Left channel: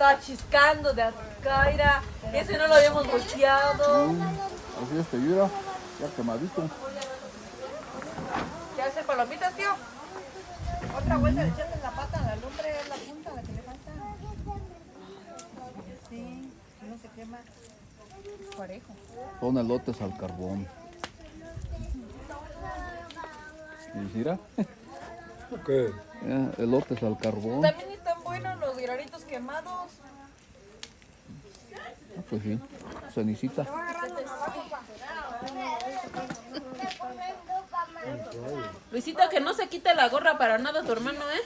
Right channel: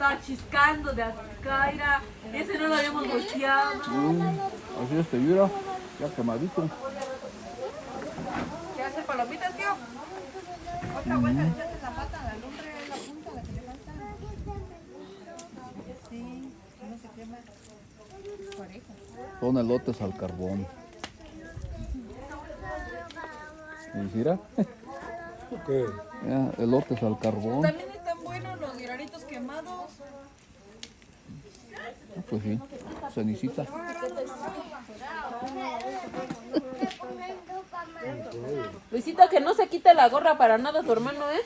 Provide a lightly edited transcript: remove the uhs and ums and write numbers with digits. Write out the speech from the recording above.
Está chiscando de acá, mira. Ese no lo habíamos mocheado. Así es, mira, ya quemadito. ¿Qué hace palomitas, tío? Otra vuelta le echaste la pata a la lumbre, es la punta la que le falta. Sí, no se quema. Parejo. Son elotes al carbón. ¿Y mira? ¿Qué? Ya, elotes al carbón. También están buenos los granitos quemados. Ah, pues sí, cenicita. Luisito, que no se quite la gorra para nada tu hermano, ¿eh?